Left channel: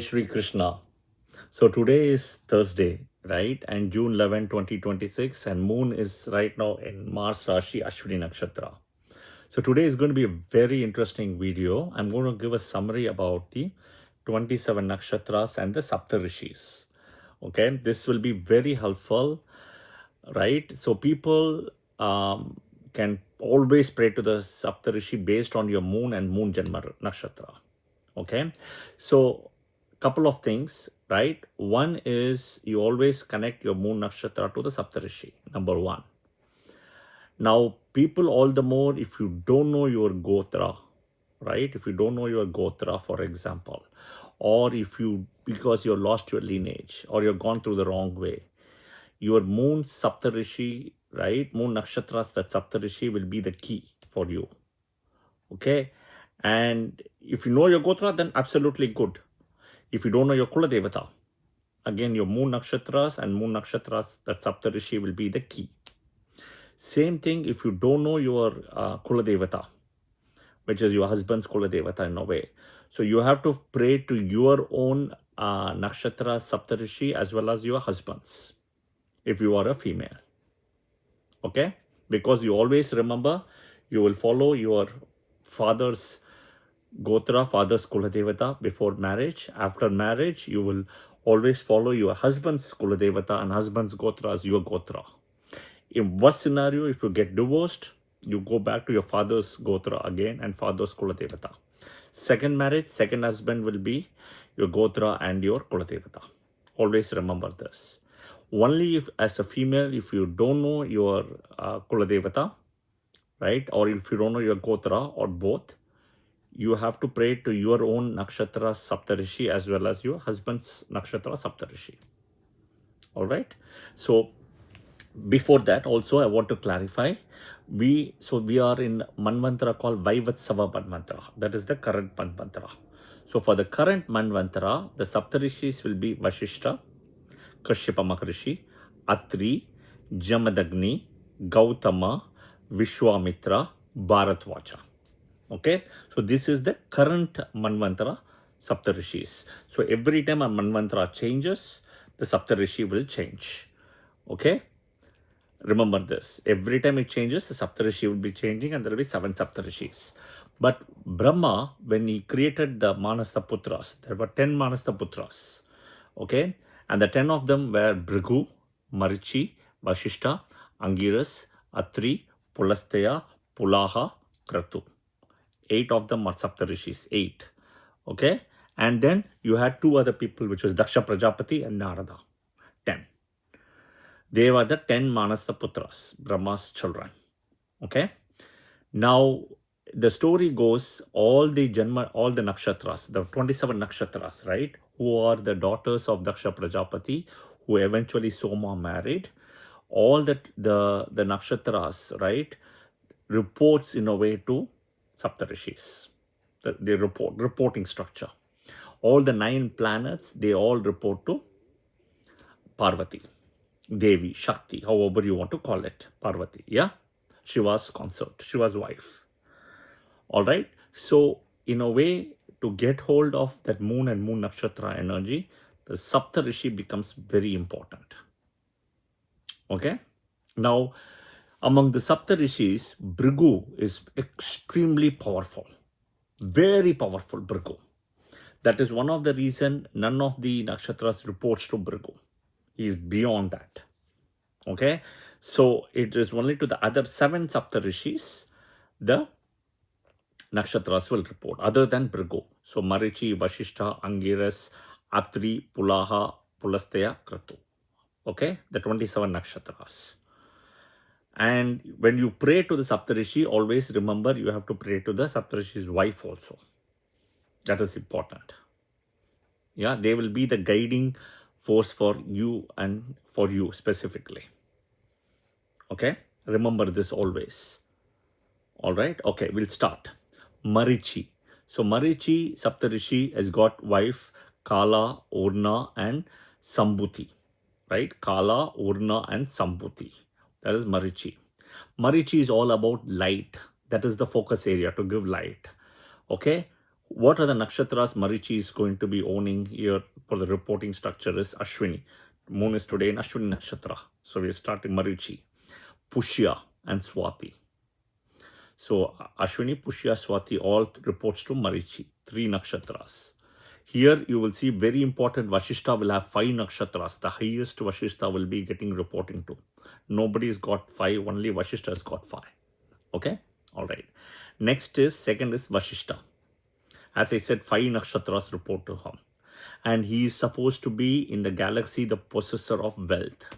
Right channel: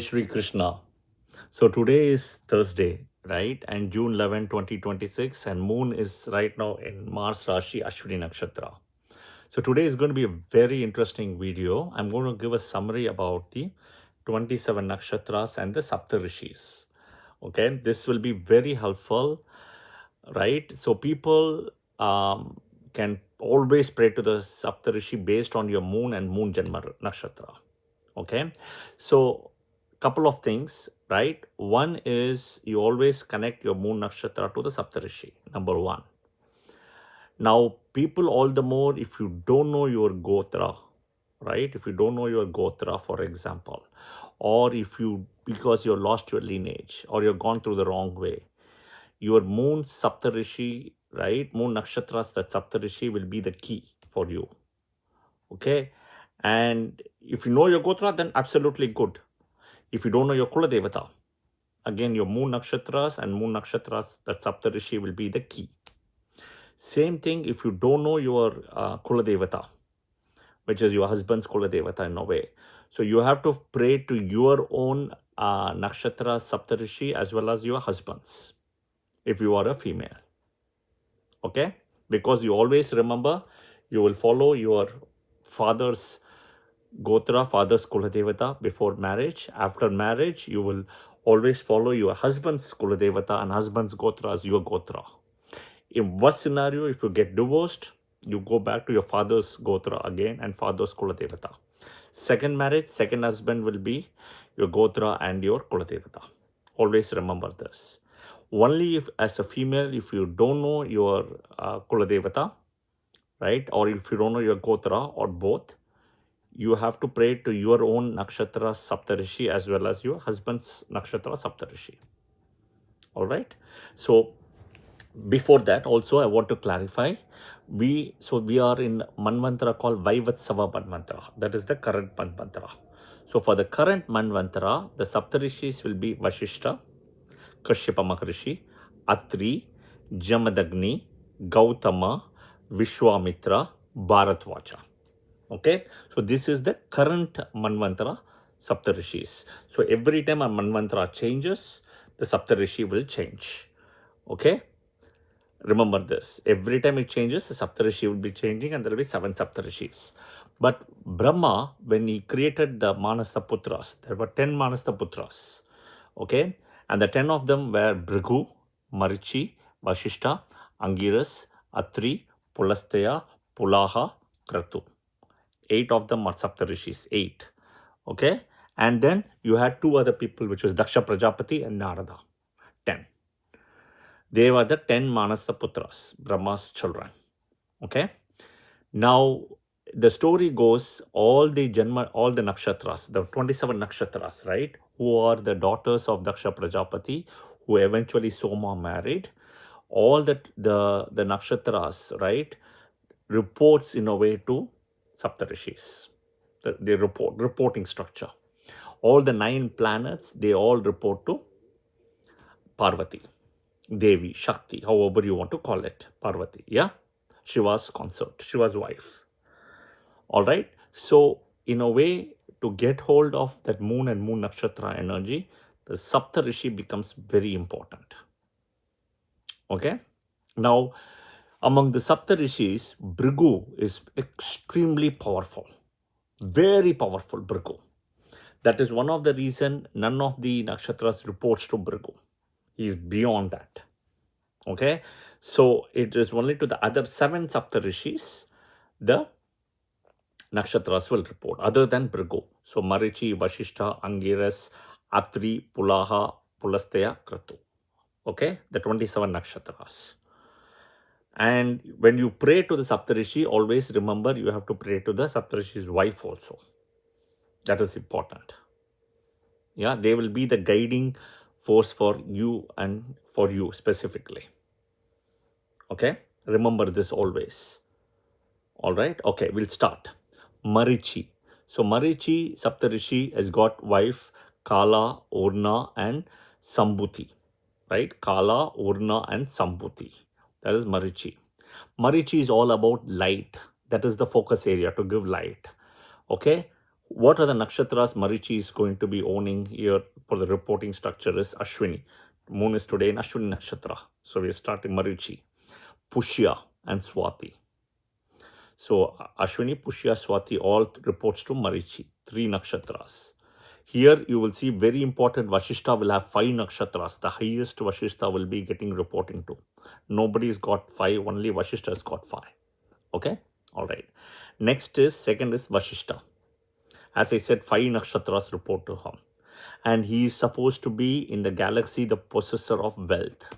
Shri Krishna. So today is Thursday, right? And June 11, 2026, and moon is right now in Mars Rashi Ashwini Nakshatra. So today is going to be a very interesting video. I'm going to give a summary about the 27 nakshatras and the Saptarishis. Okay, this will be very helpful, right? So people can always pray to the Saptarishi based on your moon and moon Janma Nakshatra. Okay, so couple of things, right? One is you always connect your moon nakshatra to the Saptarishi, number one. Now, people all the more, if you don't know your Gotra, right? If you don't know your Gotra, for example, or if you, because you lost your lineage or you've gone through the wrong way, your moon Saptarishi, right? Moon nakshatras, that Saptarishi will be the key for you. Okay. And if you know your Gotra, then absolutely good. If you don't know your Kula Devata, again, your moon nakshatras and moon nakshatras, that Saptarishi will be the key. Same thing if you don't know your Kula Devata, which is your husband's Kula Devata in a way. So you have to pray to your own nakshatra Saptarishi as well as your husband's, if you are a female. Okay? Because you always remember, you will follow your father's Gotra, father's Kula Devata before marriage. After marriage, you will always follow your husband's Kula Devata and husband's Gotra as your Gotra. In worst scenario, if you get divorced, you go back to your father's Gotra again and father's Kula Devata. Second marriage, second husband will be your Gotra and your Kula Devata. Always remember this. Only if, as a female, if you don't know your Kula Devata, right, or if you don't know your Gotra or both, you have to pray to your own nakshatra Saptarishi as well as your husband's nakshatra Saptarishi. All right. So before that, also I want to clarify. We are in Manvantara called Vaivatsava Manvantara. That is the current Manvantara. So for the current Manvantara, the Saptarishis will be Vashishta, Kashyapa Maharishi, Atri, Jamadagni, Gautama, Vishwamitra, Bharatvacha. Okay, so this is the current Manvantara Saptarishis. So every time a Manvantara changes, the Saptarishi will change. Okay, remember this. Every time it changes, the Saptarishi will be changing and there will be 7 Saptarishis. But Brahma, when he created the Manasa Putras, there were 10 Manasa Putras. Okay, and the 10 of them were Bhrigu, Marichi, Vashishta, Angiras, Atri, Pulastaya, Pulaha, Kratu. 8 of them are Saptarishis, 8. Okay, and then you had 2 other people, which was Daksha Prajapati and Narada, 10. They were the 10 Manasa Putras, Brahma's children. Okay, now the story goes, all the nakshatras, the 27 nakshatras, right, who are the daughters of Daksha Prajapati, who eventually Soma married, all the nakshatras, right, reports in a way to Saptarishis. The reporting structure. All the 9 planets, they all report to Parvati, Devi, Shakti, however you want to call it, Parvati, yeah? Shiva's consort, Shiva's wife. All right. So in a way, to get hold of that moon and moon nakshatra energy, the Saptarishi becomes very important. Okay. Now, among the Saptarishis, Bhrigu is extremely powerful. Very powerful Bhrigu. That is one of the reason none of the nakshatras reports to Bhrigu. He is beyond that. Okay. So it is only to the other 7 Saptarishis the nakshatras will report, other than Bhrigu. So Marichi, Vashishta, Angiras, Atri, Pulaha, Pulastaya, Kratu. Okay, the 27 nakshatras. And when you pray to the Saptarishi, always remember you have to pray to the Saptarishi's wife also. That is important. Yeah, they will be the guiding force for you and for you specifically. Okay, remember this always. All right, okay, we'll start. Marichi. So Marichi Saptarishi has got wife Kala, Urna and Sambhuti. Right? Kala, Urna and Sambhuti. That is Marichi. Marichi is all about light. That is the focus area, to give light. Okay? What are the nakshatras Marichi is going to be owning here for the reporting structure is Ashwini. Moon is today in Ashwini Nakshatra. So we are starting Marichi, Pushya and Swati. So Ashwini, Pushya, Swati all reports to Marichi, 3 nakshatras. Here you will see very important Vashishta will have 5 nakshatras. The highest Vashishta will be getting reporting to. Nobody's got 5, only Vashishta has got 5. Okay, all right. Next is, second is Vashishta. As I said, 5 nakshatras report to him. And he is supposed to be in the galaxy the possessor of wealth.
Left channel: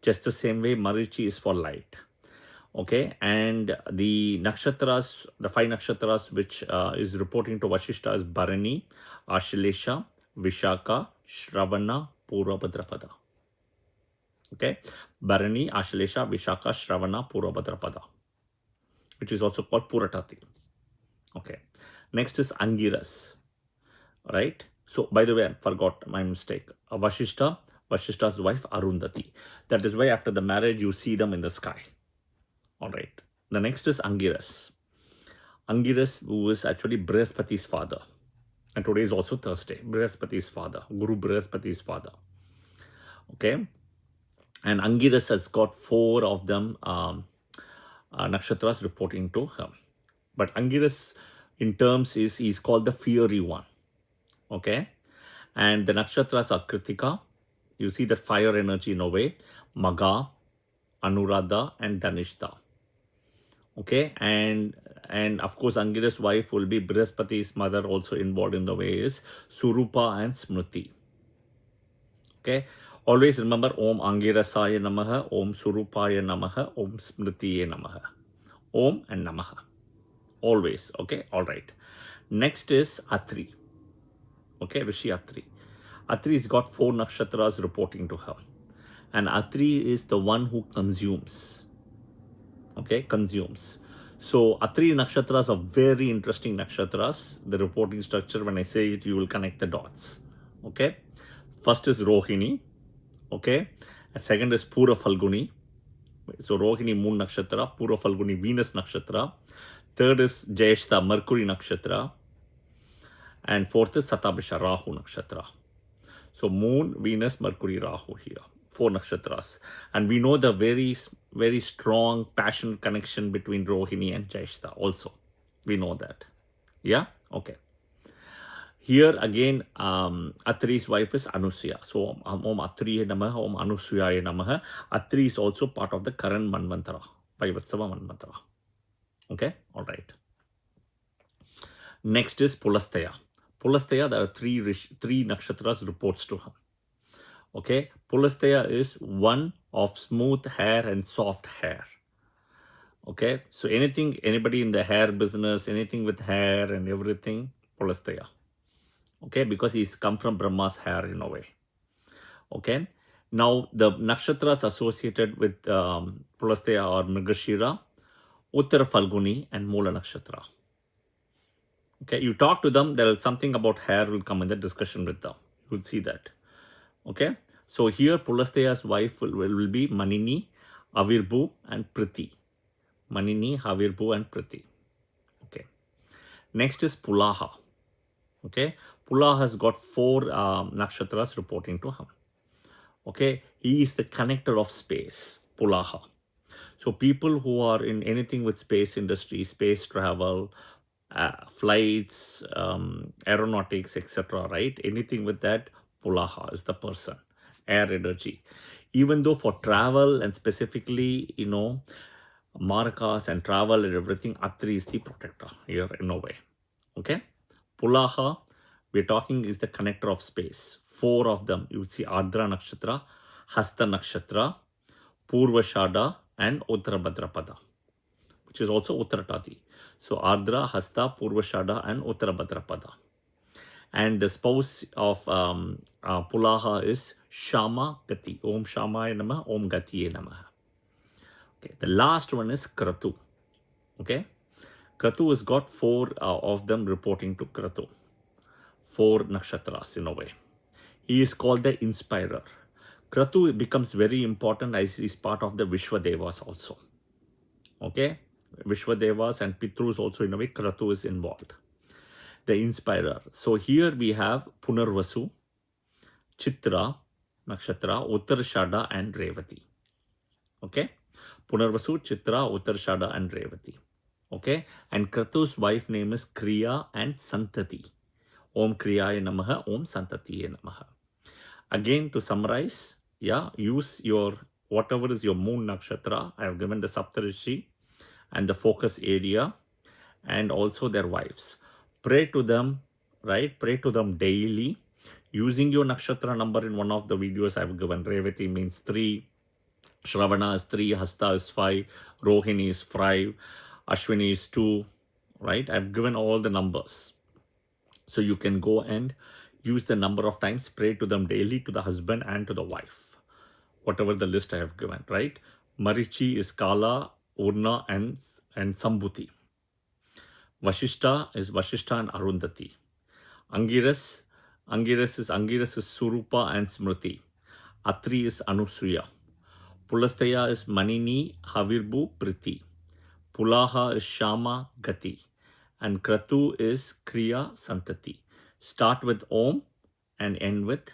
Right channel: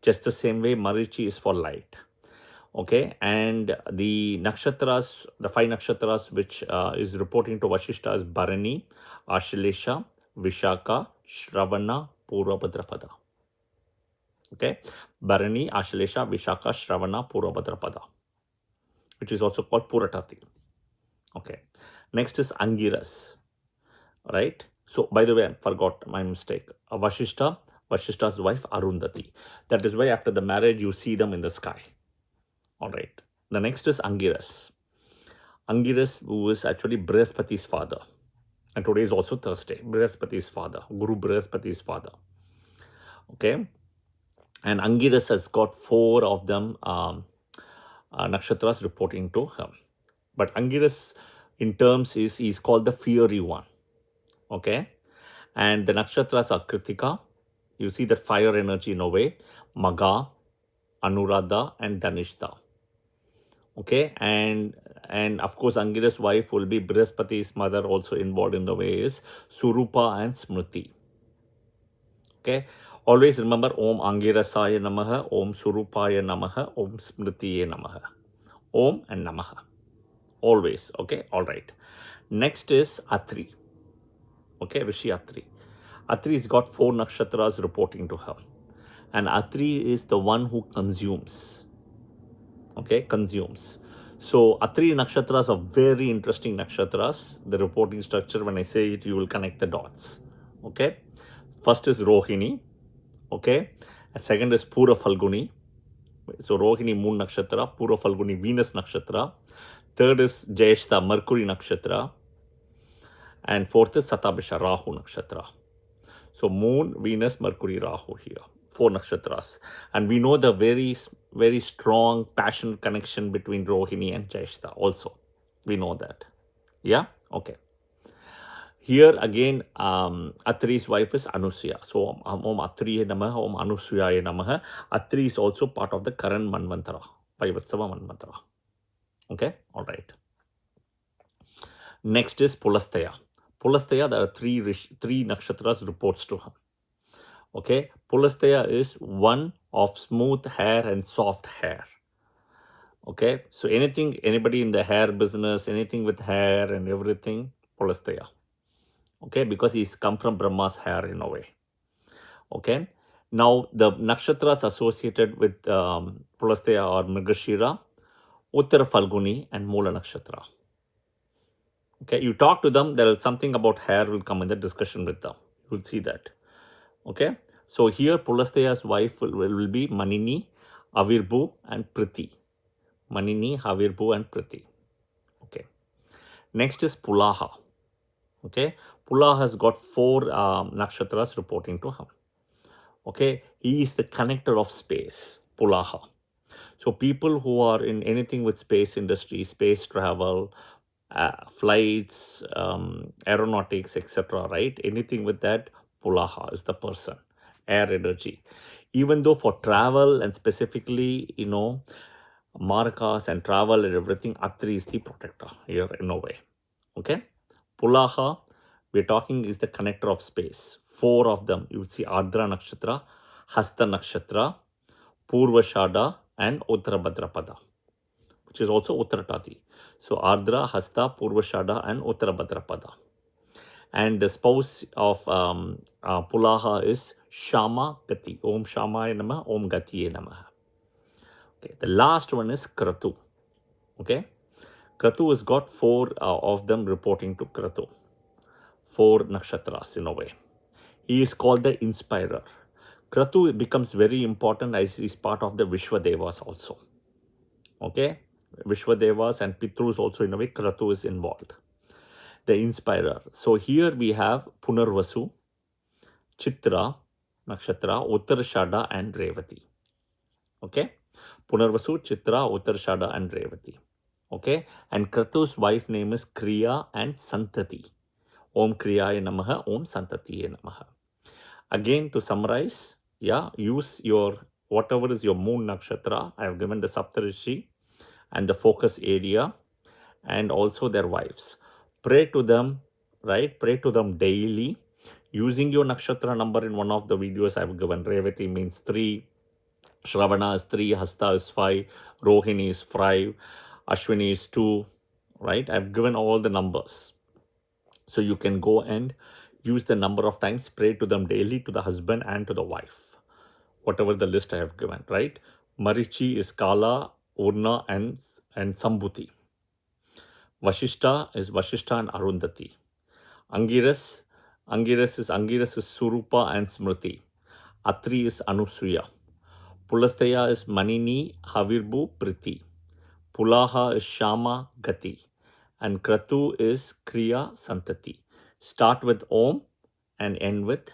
Just the same way Marichi is for light. Okay, and the nakshatras, the 5 nakshatras which is reporting to Vashishta is Bharani, Ashlesha, Vishaka, Shravana, Purvabhadrapada. Okay, Bharani, Ashlesha, Vishaka, Shravana, Purvabhadrapada, which is also called Puratati. Okay, next is Angiras, right? So, by the way, I forgot my mistake. Vashishta, Vashishta's wife Arundhati. That is why after the marriage you see them in the sky. All right. The next is Angiras. Angiras, who is actually Brihaspati's father. And today is also Thursday. Brihaspati's father. Guru Brihaspati's father. Okay. And Angiras has got 4 of them nakshatras reporting to him. But Angiras in terms is called the fiery one. Okay. And the nakshatras are Kritika. You see that fire energy in a way. Magha, Anuradha and Dhanishta. Okay, and of course Angiras' wife will be Brihaspati's mother, also involved in the way is Surupa and Smriti. Okay, always remember Om Angirasaya Namaha, Om Surupaya Namaha, Om Smritiye Namaha. Om and Namaha. Always. Okay, all right. Next is Atri. Okay, Rishi Atri. Atri's got 4 nakshatras reporting to her. And Atri is the one who consumes. Okay, consumes. So Atri nakshatras are very interesting nakshatras. The reporting structure, when I say it, you will connect the dots. Okay, first is Rohini. Okay, and second is Pura Falguni. So Rohini Moon Nakshatra, Pura Falguni Venus Nakshatra. Third is Jyeshta Mercury Nakshatra. And fourth is Satabhisha Rahu Nakshatra. So Moon, Venus, Mercury, Rahu here. 4 nakshatras. And we know the very, very strong passionate connection between Rohini and Jyeshta also. We know that. Yeah? Okay. Here again, Atri's wife is Anusuya. So Om Atriye Namaha, Om Anusuyaye Namaha. Atri is also part of the current Manvantara, Vaivatsava Manvantara. Okay? All right. Next is Pulastaya. Pulastaya, there are 3 nakshatras reports to her. Okay, Pulastaya is one of smooth hair and soft hair. Okay, so anybody in the hair business, anything with hair and everything, Pulastaya. Okay, because he's come from Brahma's hair in a way. Okay, now the nakshatras associated with Pulastaya are Mrigashira, Uttara Falguni and Mula Nakshatra. Okay, you talk to them, there is something about hair will come in the discussion with them. You will see that. Okay, so here Pulastaya's wife will be Manini, Avirbu and Priti. Manini, Avirbu and Priti. Okay, next is Pulaha. Okay, Pulaha has got 4 nakshatras reporting to him. Okay, he is the connector of space, Pulaha. So people who are in anything with space industry, space travel, flights, aeronautics, etc., right? Anything with that, Pulaha is the person, air energy. Even though for travel and specifically, Markas and travel and everything, Atri is the protector here in a way. Okay, Pulaha, we're talking is the connector of space. 4 of them, you will see Ardra Nakshatra, Hasta Nakshatra, Purvashada and Uttarabhadrapada, which is also Uttaratati. So Ardra, Hasta, Purvashada and Uttarabhadrapada. And the spouse of Pulaha is Shama Gati. Om Shamaya Namaha, Om Gatiye Namaha. Okay, the last one is Kratu. Okay, Kratu has got 4 of them reporting to Kratu. 4 nakshatras in a way. He is called the inspirer. Kratu becomes very important as he is part of the Vishwadevas also. Okay, Vishwadevas and Pitrus also in a way, Kratu is involved. the inspirer. So here we have Punarvasu, Chitra, Nakshatra, Uttarashada and Revati. Okay. Punarvasu, Chitra, Uttarashada and Revati. Okay. And Kratu's wife name is Kriya and Santati. Om Kriyaya Namaha, Om Santatiye Namaha. Again, to summarize, yeah, use your whatever is your moon nakshatra. I have given the Saptarishi and the focus area and also their wives. Pray to them, right? Pray to them daily using your nakshatra number. In one of the videos I've given, Revati means 3, Shravana is 3, Hasta is 5, Rohini is 5, Ashwini is 2, right? I've given all the numbers. So you can go and use the number of times, pray to them daily, to the husband and to the wife, whatever the list I have given, right? Marichi is Kala, Urna and Sambhuti. Vashishta is Vashishta and Arundhati. Angiras is Surupa and Smriti. Atri is Anusuya. Pulastaya is Manini, Havirbu, Priti. Pulaha is Shama, Gati. And Kratu is Kriya, Santati. Start with Om and end with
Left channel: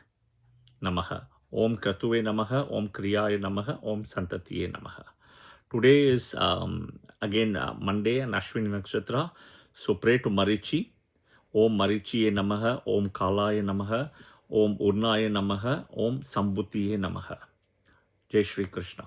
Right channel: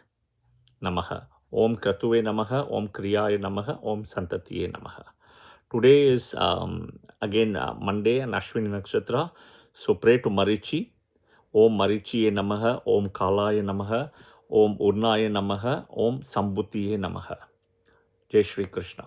Namaha. Om Kratuve Namaha, Om Kriyaya Namaha, Om Santatiye Namaha. Today is again Monday and Ashwini Nakshatra. So pray to Marichi. Om Marichiye Namaha, Om Kalaya Namaha, Om Urnaya Namaha, Om Sambhutiye Namaha. Jai Shri Krishna.